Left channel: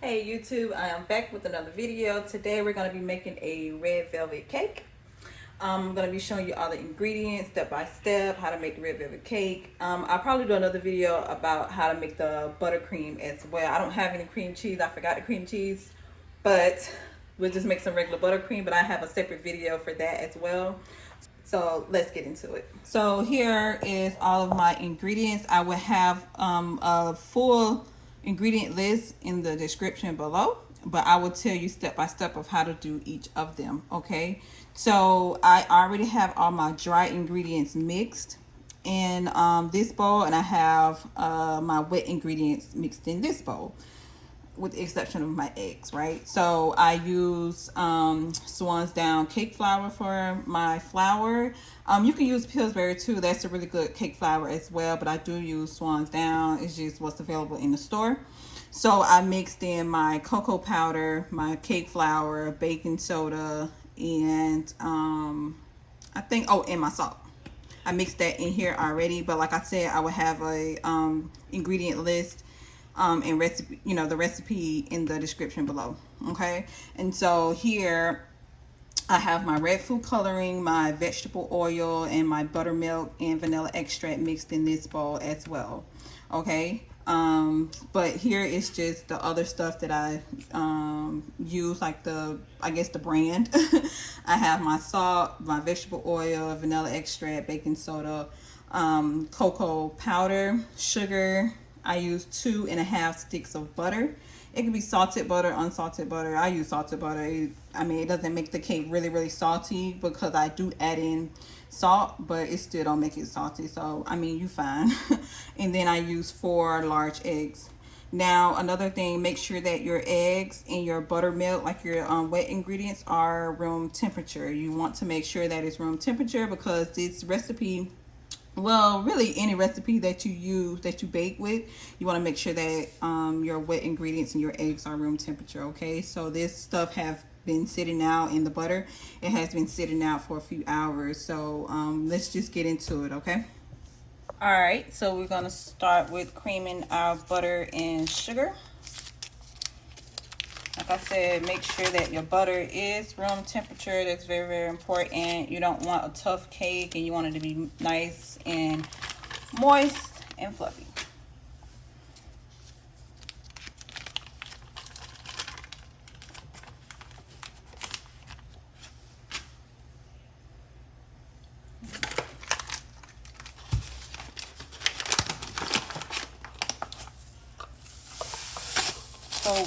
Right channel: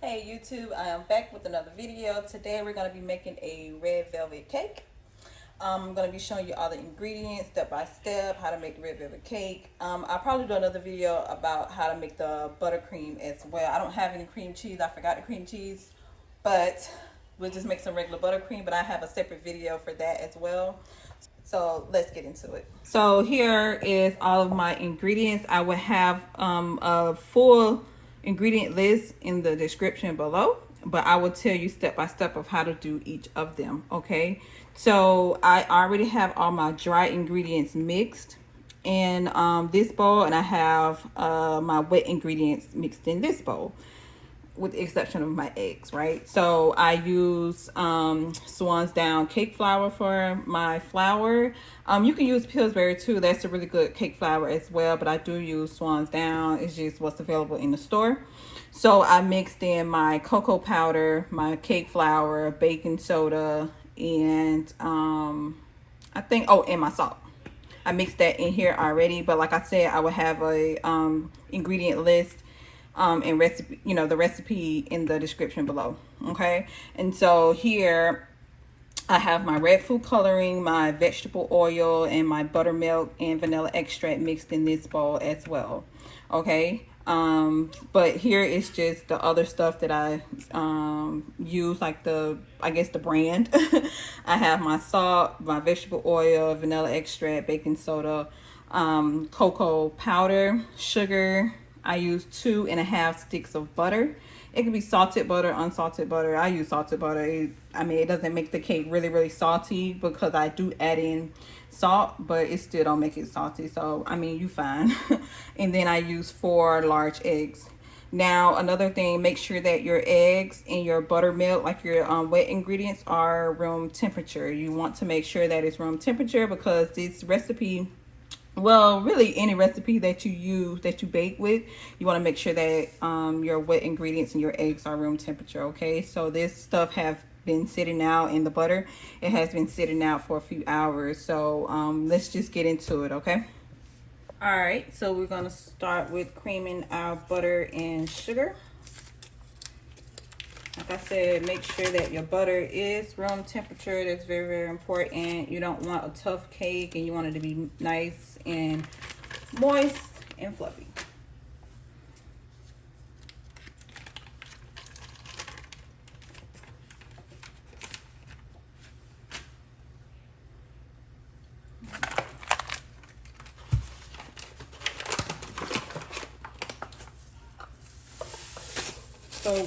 Hey YouTube, I am back with another video. Today we're going to be making a red velvet cake. I'm going to be showing you all the ingredients step by step, how to make the red velvet cake. I'll probably do another video about how to make the buttercream as well. I don't have any cream cheese. I forgot the cream cheese, but we'll just make some regular buttercream, but I have a separate video for that as well. So let's get into it. So here is all of my ingredients. I will have a full ingredient list in the description below, but I will tell you step by step of how to do each of them. Okay, so I already have all my dry ingredients mixed in this bowl, and I have my wet ingredients mixed in this bowl, with the exception of my eggs, right? So I use Swan's Down cake flour for my flour. You can use Pillsbury too. That's a really good cake flour as well, but I do use Swan's Down. It's just what's available in the store. So I mixed in my cocoa powder, my cake flour, baking soda, and I think, oh, and my salt. I mixed that in here already, but like I said, I will have a ingredient list and recipe, the recipe in the description below. Okay, and so here I have my red food coloring, my vegetable oil, and my buttermilk and vanilla extract mixed in this bowl as well. Okay, but here is just the other stuff that I use, like I guess the brand. I have my salt, my vegetable oil, vanilla extract, baking soda, cocoa powder, sugar. I use 2.5 sticks of butter. It can be salted butter, unsalted butter. I use salted butter. It doesn't make the cake really salty because I do add in salt, but it still don't make it salty. So, you fine. And then I use 4 large eggs. Now, another thing, make sure that your eggs and your buttermilk, like your wet ingredients, are room temperature. You want to make sure that it's room temperature because this recipe, well, really any recipe that you use, that you bake with, you want to make sure that your wet ingredients and your eggs are room temperature. Okay, so this stuff have been sitting out in the butter. It has been sitting out for a few hours. So let's just get into it. Okay. All right, so we're gonna start with creaming our butter and sugar. Like I said, make sure that your butter is room temperature. That's very important. You don't want a tough cake, and you want it to be nice and moist and fluffy. So,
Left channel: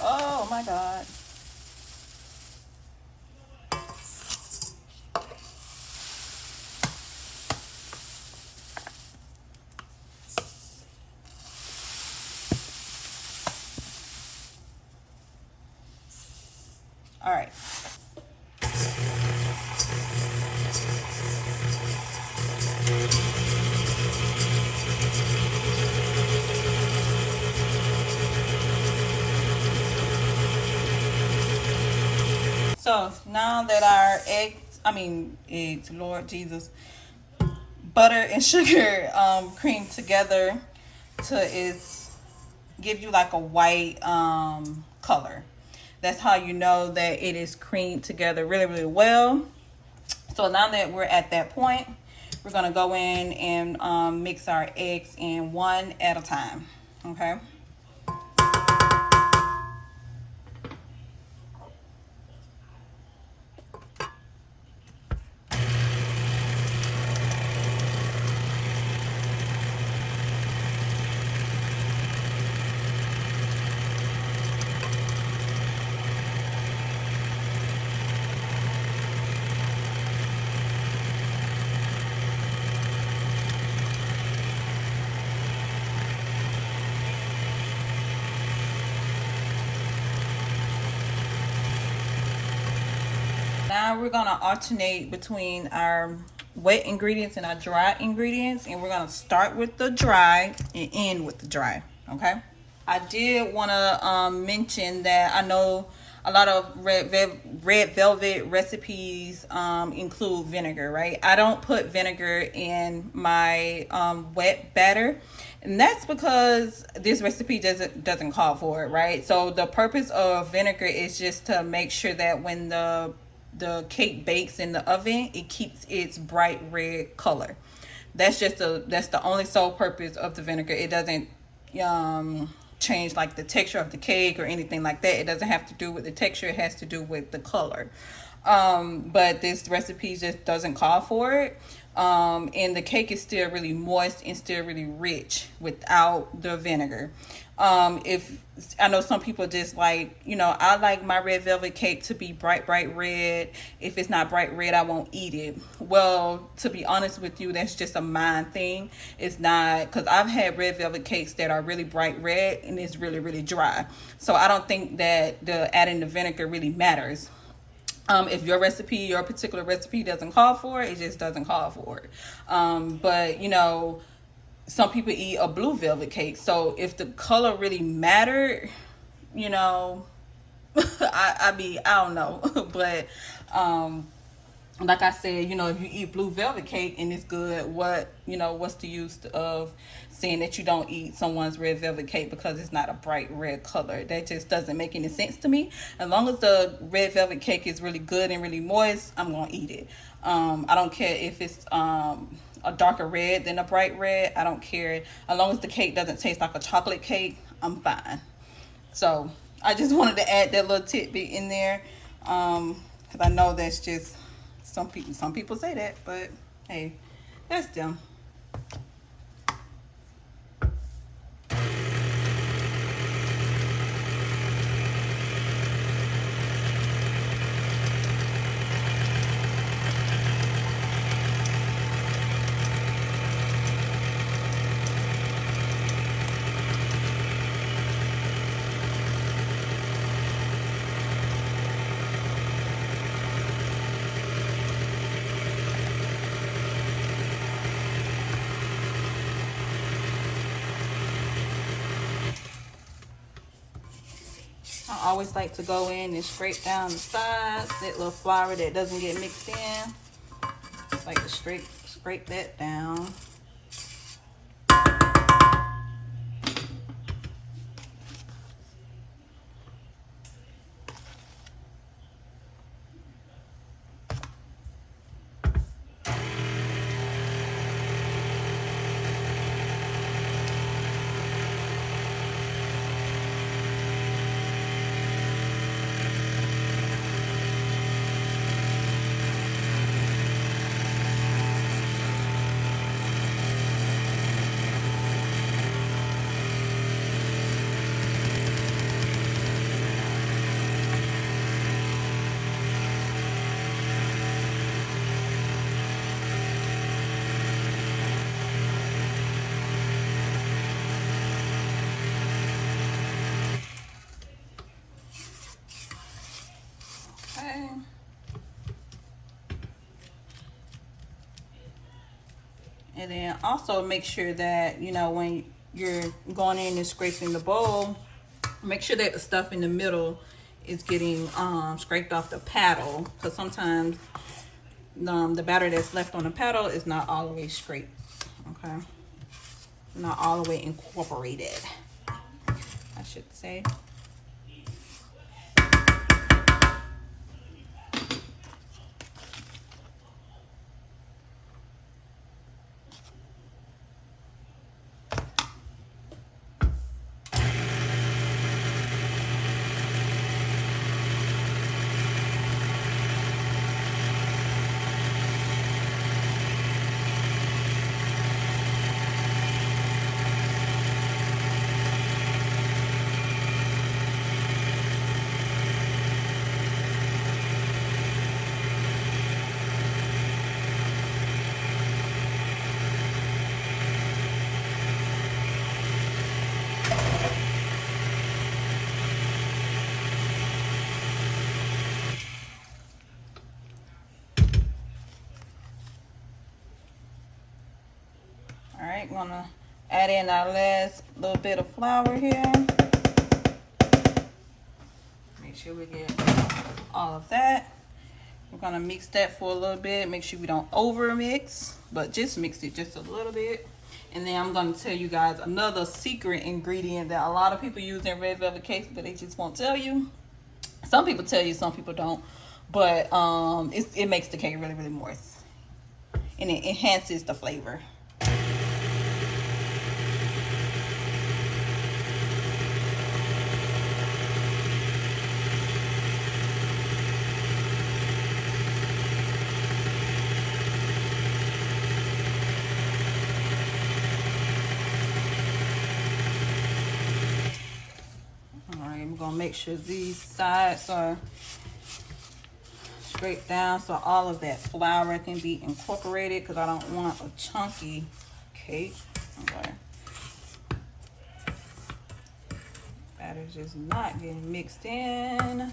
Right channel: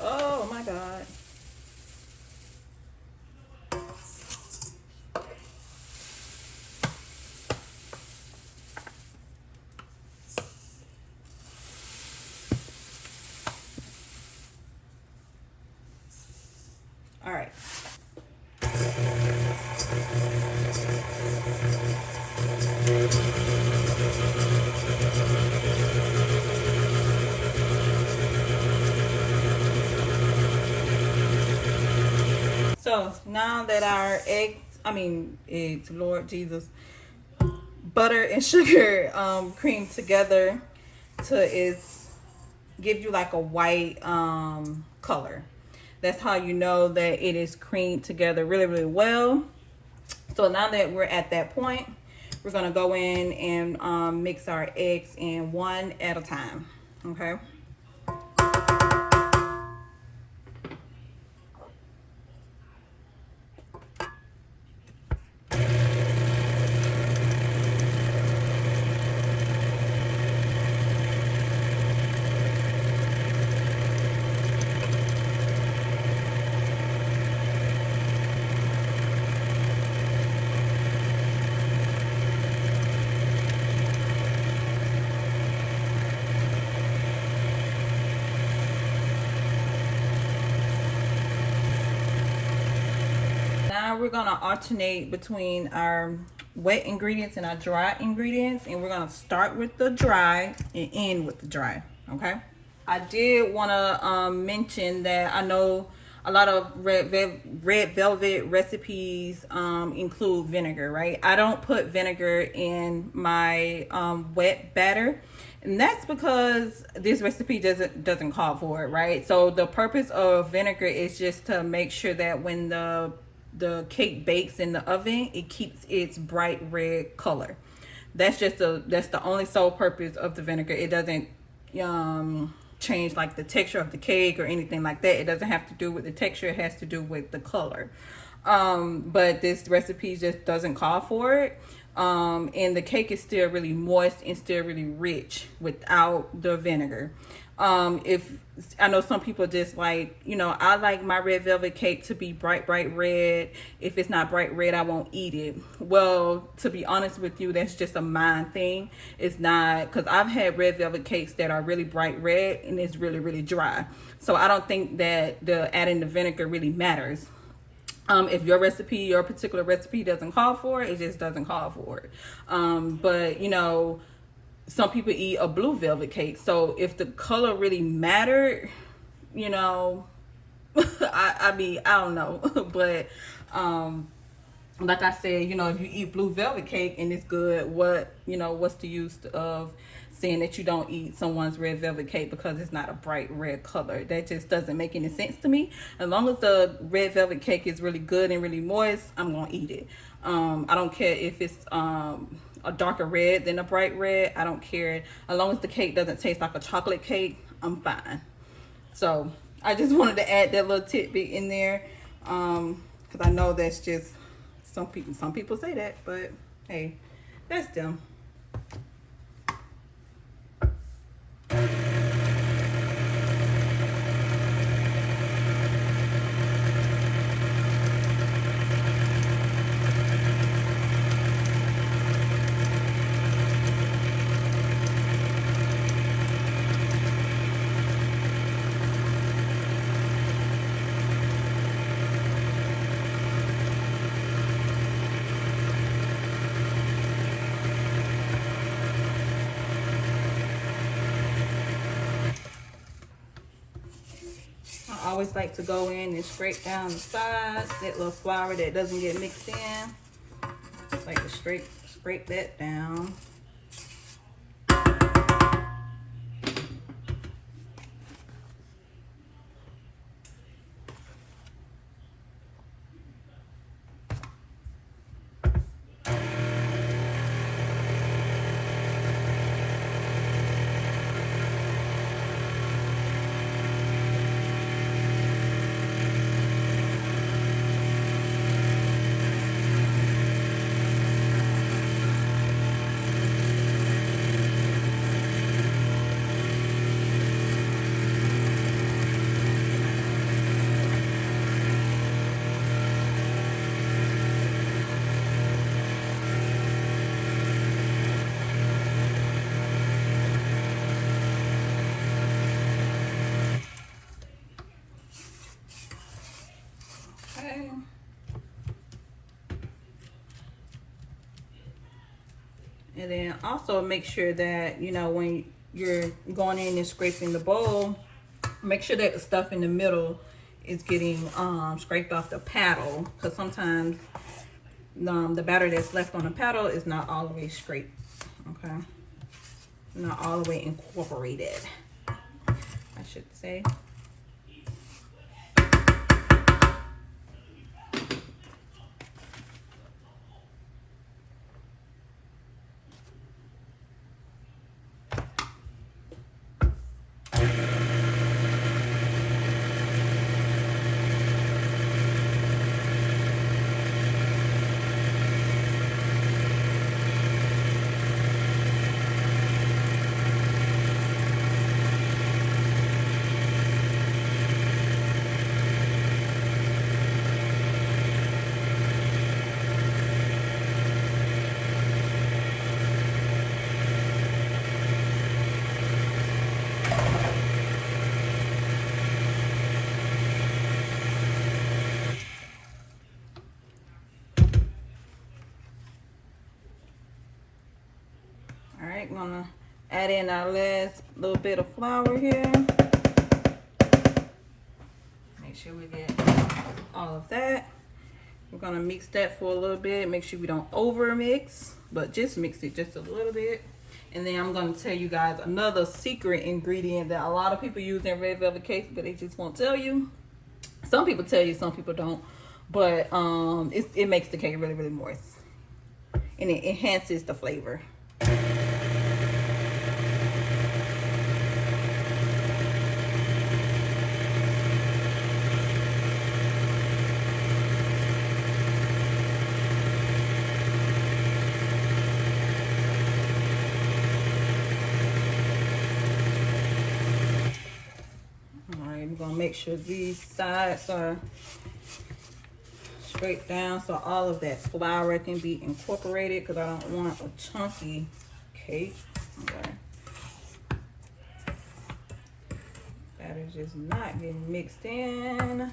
oh my God. All right. So now that our eggs, Lord Jesus, butter and sugar cream together to give you like a white color. That's how you know that it is creamed together really well. So now that we're at that point, we're gonna go in and mix our eggs in one at a time. Okay. Now we're gonna alternate between our wet ingredients and our dry ingredients, and we're gonna start with the dry and end with the dry. Okay. I did want to mention that I know a lot of red velvet recipes include vinegar, right? I don't put vinegar in my wet batter And that's because this recipe doesn't call for it, right? So the purpose of vinegar is just to make sure that when the cake bakes in the oven, it keeps its bright red color. That's the only sole purpose of the vinegar. It doesn't change like the texture of the cake or anything like that. It doesn't have to do with the texture. It has to do with the color. But this recipe just doesn't call for it. And the cake is still really moist and still really rich without the vinegar. If I know some people just like, I like my red velvet cake to be bright red. If it's not bright red, I won't eat it. Well, to be honest with you, that's just a mind thing. It's not, because I've had red velvet cakes that are really bright red and it's really dry. So I don't think that the adding the vinegar really matters. If your particular recipe doesn't call for it, it just doesn't call for it. But some people eat a blue velvet cake. So if the color really mattered, I don't know. But like I said, if you eat blue velvet cake and it's good, what's the use of saying that you don't eat someone's red velvet cake because it's not a bright red color? That just doesn't make any sense to me. As long as the red velvet cake is really good and really moist, I'm gonna eat it. I don't care if it's a darker red than a bright red. I don't care. As long as the cake doesn't taste like a chocolate cake, I'm fine. So I just wanted to add that little tidbit in there, because I know that's just some people say that, but hey, that's them. I always like to go in and scrape down the sides, that little flour that doesn't get mixed in. Just like to scrape that down. And then also make sure that, when you're going in and scraping the bowl, make sure that the stuff in the middle is getting scraped off the paddle, because sometimes the batter that's left on the paddle is not all the way scraped, okay? Not all the way incorporated, I should say. I'm gonna add in our last little bit of flour here. Make sure we get all of that. We're gonna mix that for a little bit. Make sure we don't over mix, but just mix it just a little bit. And then I'm going to tell you guys another secret ingredient that a lot of people use in red velvet cakes, but they just won't tell you. Some people tell you, some people don't. But it makes the cake really, really moist. And it enhances the flavor. Make sure these sides are straight down so all of that flour can be incorporated, because I don't want a chunky cake. Okay. Batter's just not getting mixed in.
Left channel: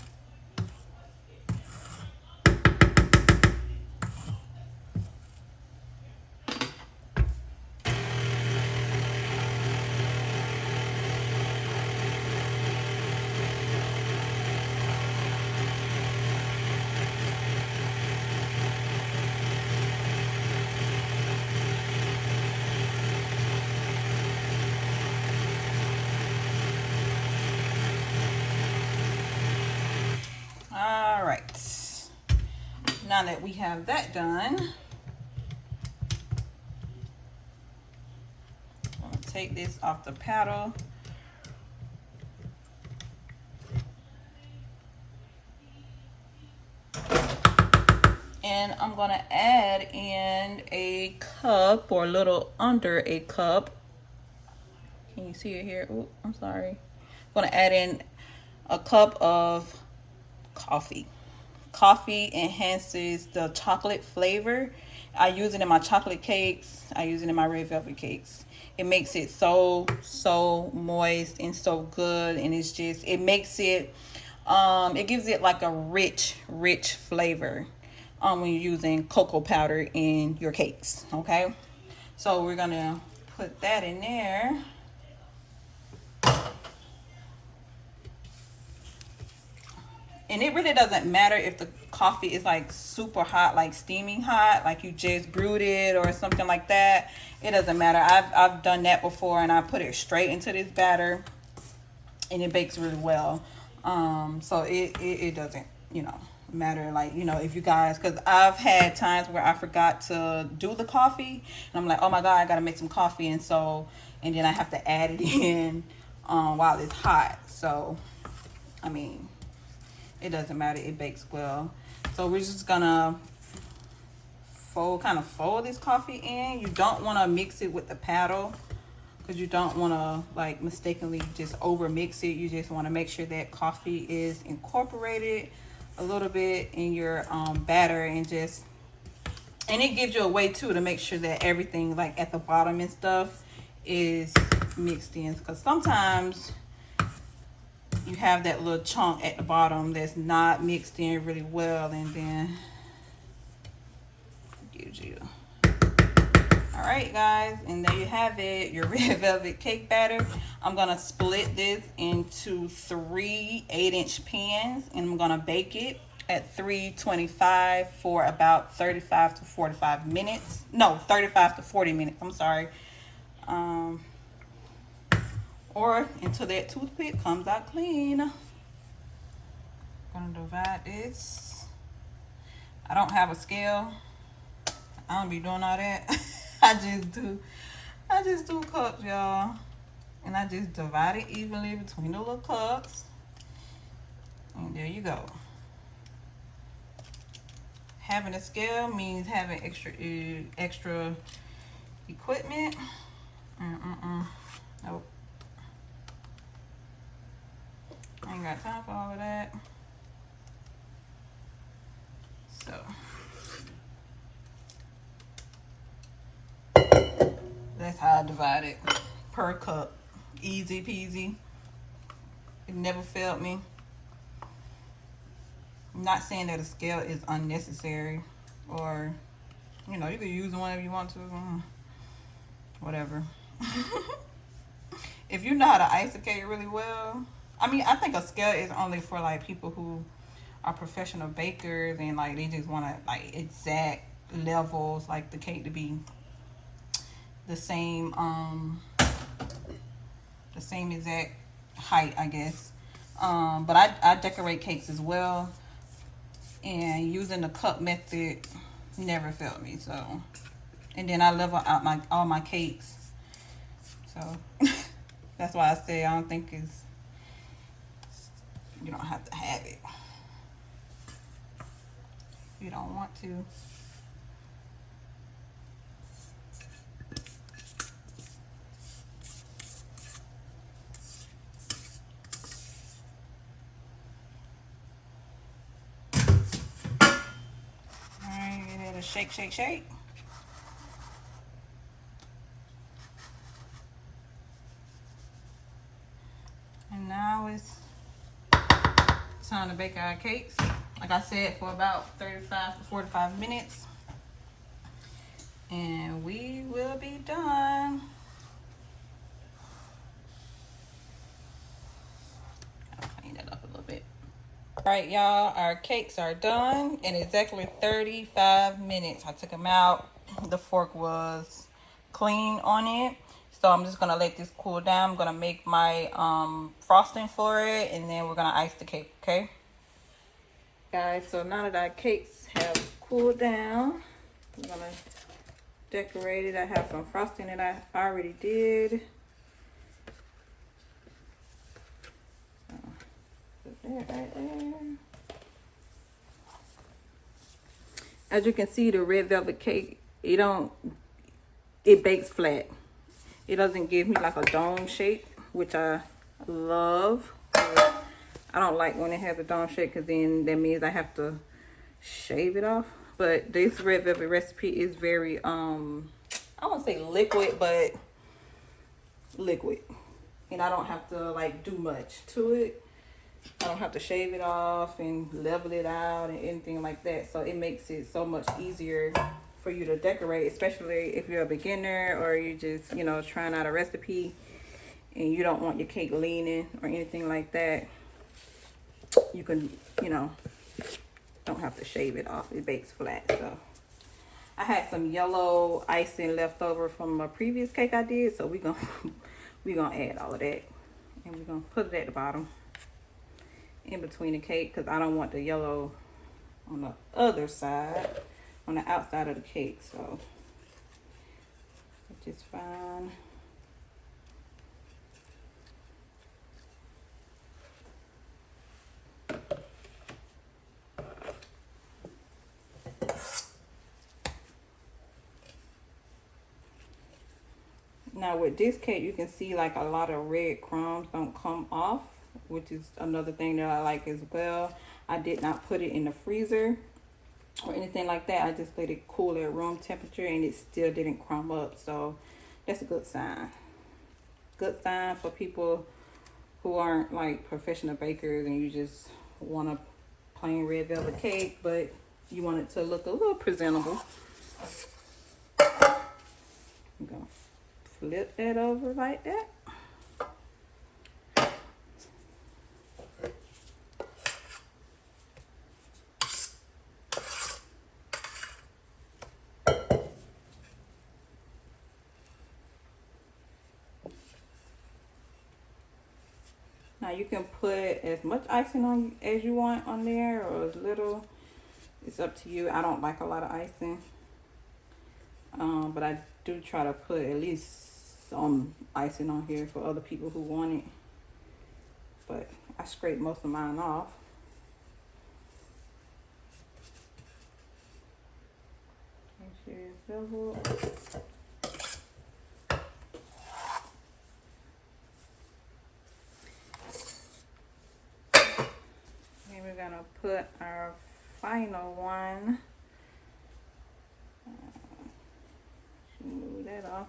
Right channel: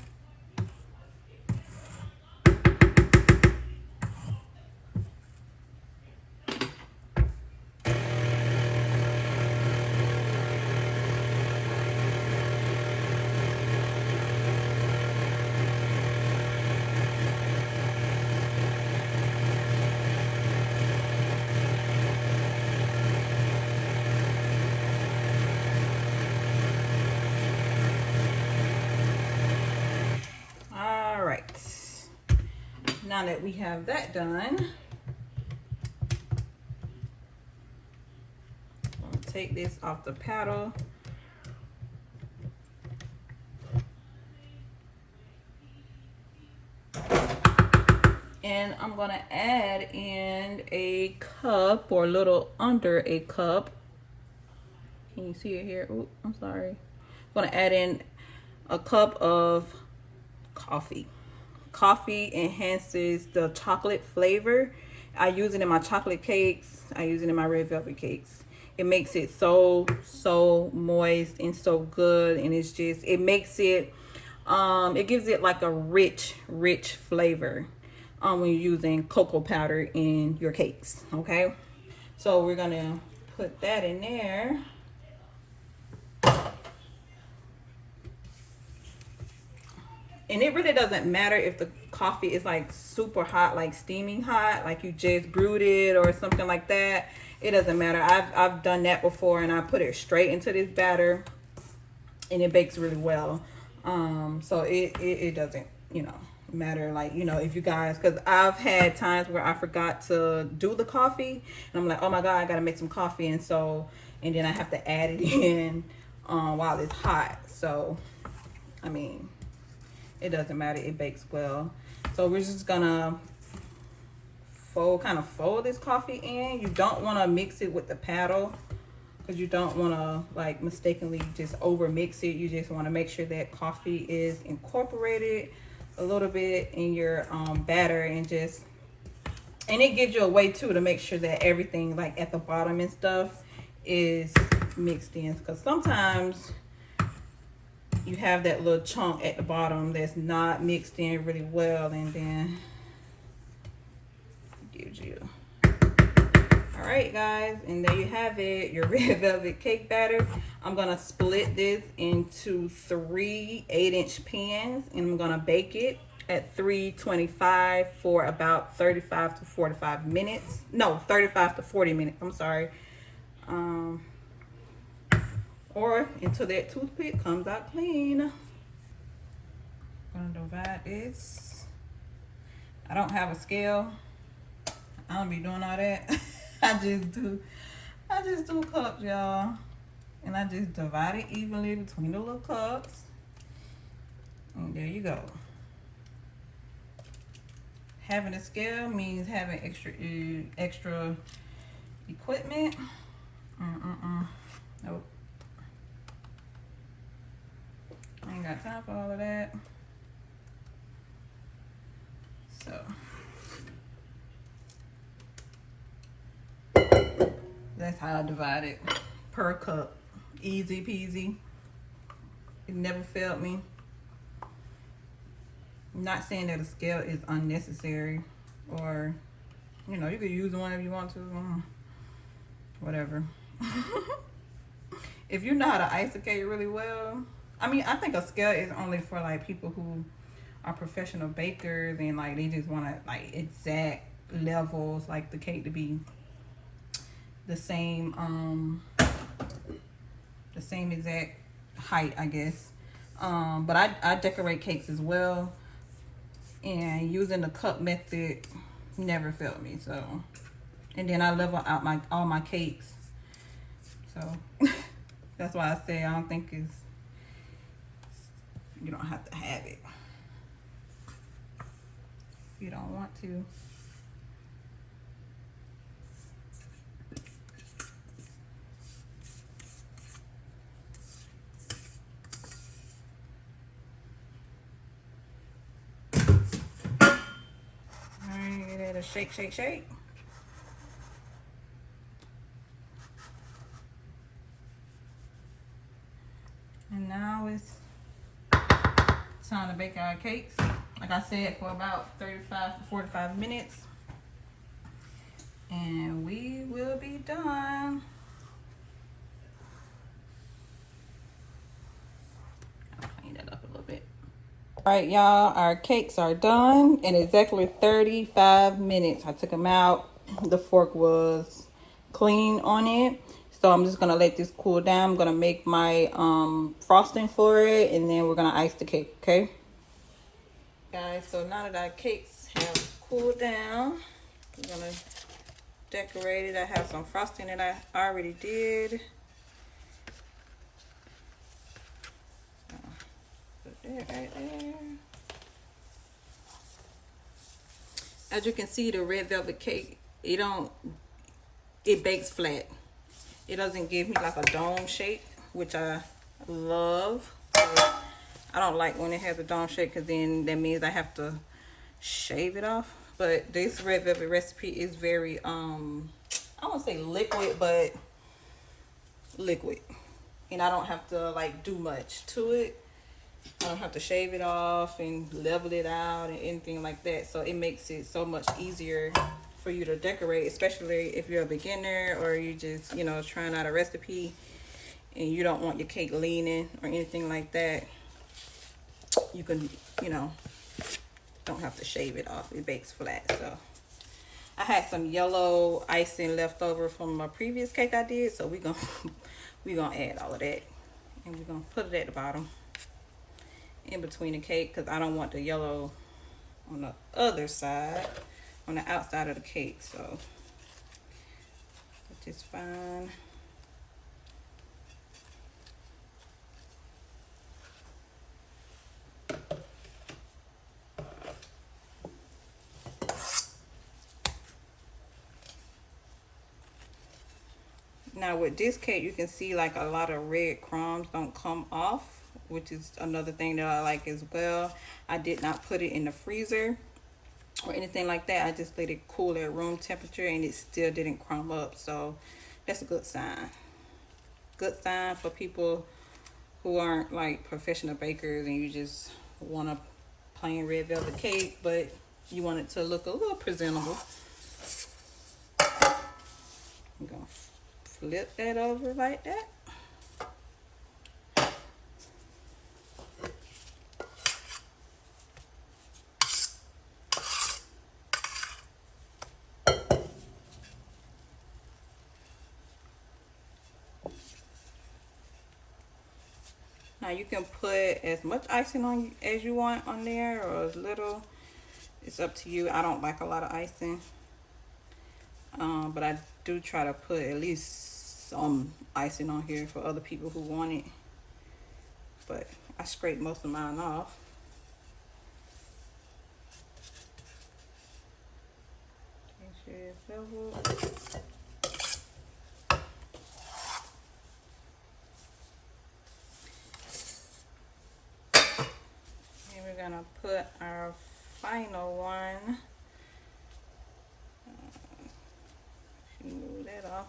Now that we have that done, I'm going to take this off the paddle. And I'm going to add in a cup, or a little under a cup. Can you see it here? Oh, I'm sorry. I'm going to add in a cup of coffee. Coffee enhances the chocolate flavor. I use it in my chocolate cakes. I use it in my red velvet cakes. It makes it so moist and so good, and it's just, it makes it it gives it like a rich flavor when you're using cocoa powder in your cakes. Okay, so we're gonna put that in there. And it really doesn't matter if the coffee is like super hot, like steaming hot, like you just brewed it or something like that. It doesn't matter. I've done that before, and I put it straight into this batter, and it bakes really well. So it doesn't, you know, matter, like, you know, if you guys, because I've had times where I forgot to do the coffee, and I'm like, oh my god, I gotta make some coffee, and then I have to add it in while it's hot. So I mean, it doesn't matter, it bakes well. So we're just gonna kind of fold this coffee in. You don't want to mix it with the paddle, because you don't want to like mistakenly just over mix it. You just want to make sure that coffee is incorporated a little bit in your batter, and it gives you a way too to make sure that everything like at the bottom and stuff is mixed in, because sometimes you have that little chunk at the bottom that's not mixed in really well, and then it gives you. All right, guys, and there you have it, your red velvet cake batter. I'm gonna split this into 3 8-inch pans, and I'm gonna bake it at 325 for about 35 to 45 minutes. No, 35 to 40 minutes. I'm sorry. Or until that toothpick comes out clean. I'm gonna divide this. I don't have a scale. I don't be doing all that. I just do cups, y'all. And I just divide it evenly between the little cups. And there you go. Having a scale means having extra equipment. Nope. I ain't got time for all of that. So that's how I divide it, per cup. Easy peasy. It never failed me. I'm not saying that a scale is unnecessary, or, you know, you could use one if you want to. Whatever. If you know how to ice a cake really well, I mean, I think a scale is only for like people who are professional bakers, and like they just want to like exact levels, like the cake to be the same exact height, I guess. But I decorate cakes as well, and using the cup method never failed me. So, and then I level out all my cakes. So that's why I say I don't think you don't have to have it. You don't want to. Alright, give it a shake, shake, shake. And now it's time to bake our cakes. Like I said, for about 35 to 45 minutes. And we will be done. I'll clean that up a little bit. All right, y'all, our cakes are done in exactly 35 minutes. I took them out. The fork was clean on it. So I'm just gonna let this cool down. I'm gonna make my frosting for it, and then we're gonna ice the cake, okay? Guys, so now that our cakes have cooled down, I'm gonna decorate it. I have some frosting that I already did. Put that right there. As you can see, the red velvet cake, it bakes flat. It doesn't give me like a dome shape, which I love. I don't like when it has a dome shape, because then that means I have to shave it off. But this red velvet recipe is very I won't say liquid, but liquid, and I don't have to like do much to it. I don't have to shave it off and level it out and anything like that. So it makes it so much easier for you to decorate, especially if you're a beginner or you just, you know, trying out a recipe and you don't want your cake leaning or anything like that. You can, you know, don't have to shave it off. It bakes flat. So I had some yellow icing left over from a previous cake I did, so we're gonna add all of that, and we're gonna put it at the bottom in between the cake, because I don't want the yellow on the other side, on the outside of the cake. So it's just fine. Now with this cake, you can see like a lot of red crumbs don't come off, which is another thing that I like as well. I did not put it in the freezer or anything like that. I just let it cool at room temperature, and it still didn't crumb up. So that's a good sign. Good sign for people who aren't like professional bakers and you just want a plain red velvet cake, but you want it to look a little presentable. I'm gonna flip that over like that. Now you can put as much icing on as you want on there, or as little. It's up to you. I don't like a lot of icing, but I do try to put at least some icing on here for other people who want it. But I scrape most of mine off. Make sure it's level. Gonna put our final one. Move that off.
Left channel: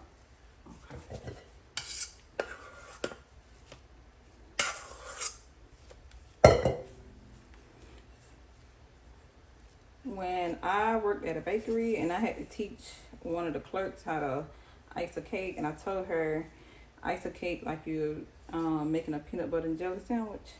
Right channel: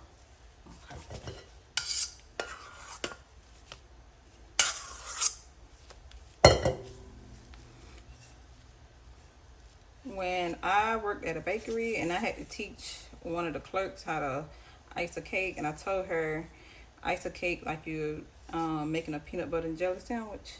Okay. When I worked at a bakery and I had to teach one of the clerks how to ice a cake, and I told her ice a cake like you're making a peanut butter and jelly sandwich.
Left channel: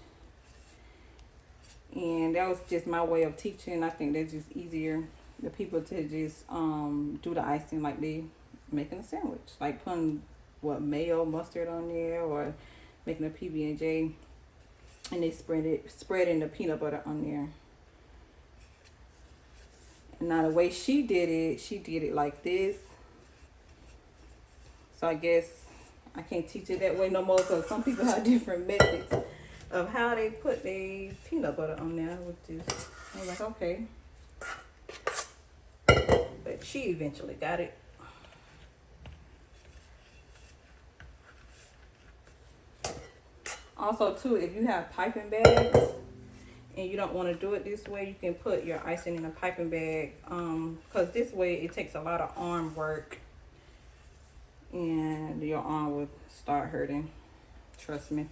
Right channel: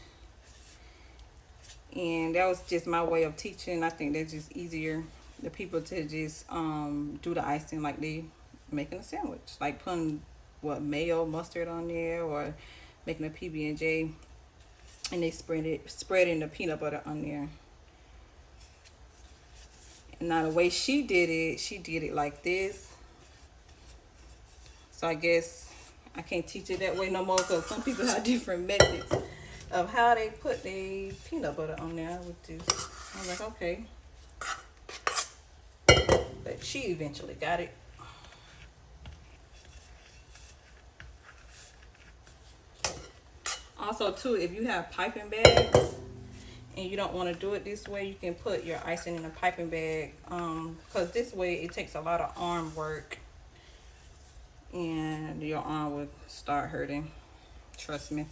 And that was just my way of teaching. I think that's just easier, the people to just do the icing like they making a sandwich, like putting what, mayo, mustard on there, or making a PB&J, and they spreading the peanut butter on there. And now the way she did it like this. So I guess I can't teach it that way no more, because some people have different methods of how they put the peanut butter on there, which is, I was like, okay. But she eventually got it. Also too, if you have piping bags and you don't want to do it this way, you can put your icing in a piping bag, because this way it takes a lot of arm work and your arm will start hurting, trust me.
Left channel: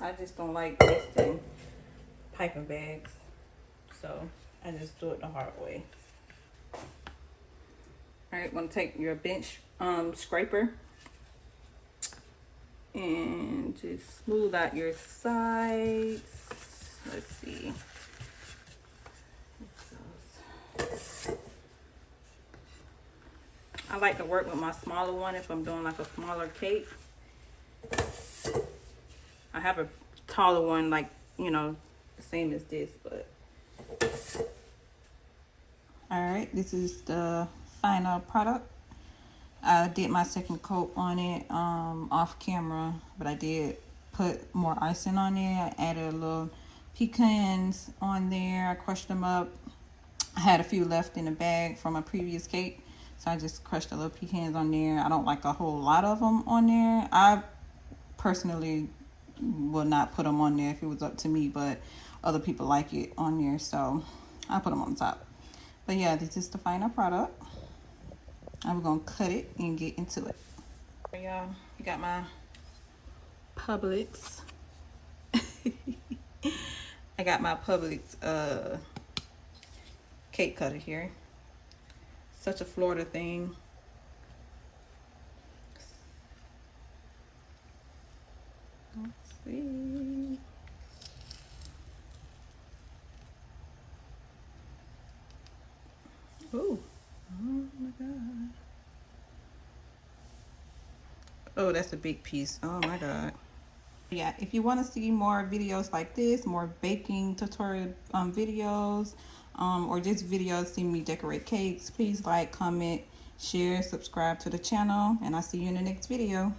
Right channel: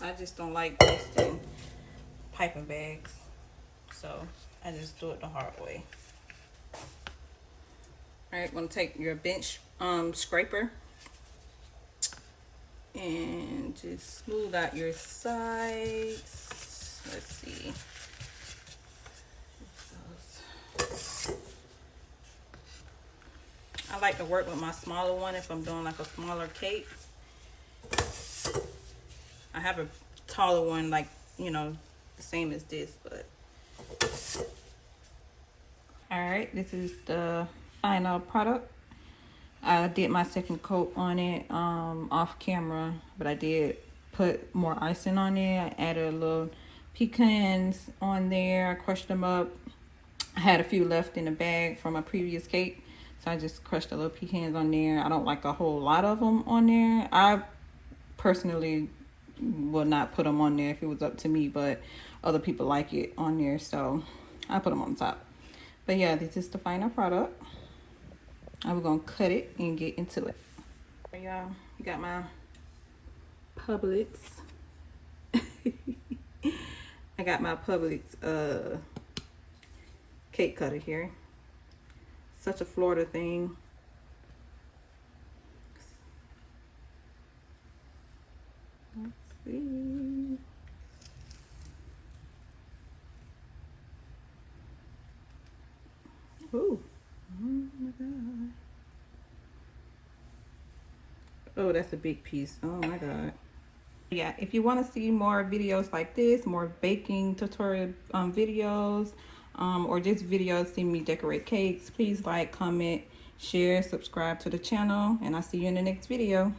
I just don't like wasting piping bags, so I just do it the hard way. All right, want to take your bench scraper and just smooth out your sides. Let's see. I like to work with my smaller one if I'm doing like a smaller cake. I have a taller one, like, you know, the same as this, but. All right, this is the final product. I did my second coat on it off camera, but I did put more icing on there. I added a little pecans on there. I crushed them up. I had a few left in the bag from my previous cake, so I just crushed a little pecans on there. I don't like a whole lot of them on there. I personally would not put them on there if it was up to me, but other people like it on there, so I put them on top. But yeah, this is the final product. I'm gonna cut it and get into it. Y'all, I got my Publix. I got my Publix cake cutter here. Such a Florida thing. Let's see. Ooh. Oh my God. Oh, that's a big piece. Oh my God. Yeah, if you want to see more videos like this, more baking tutorial videos, or just videos seeing me decorate cakes, please like, comment, share, subscribe to the channel, and I'll see you in the next video.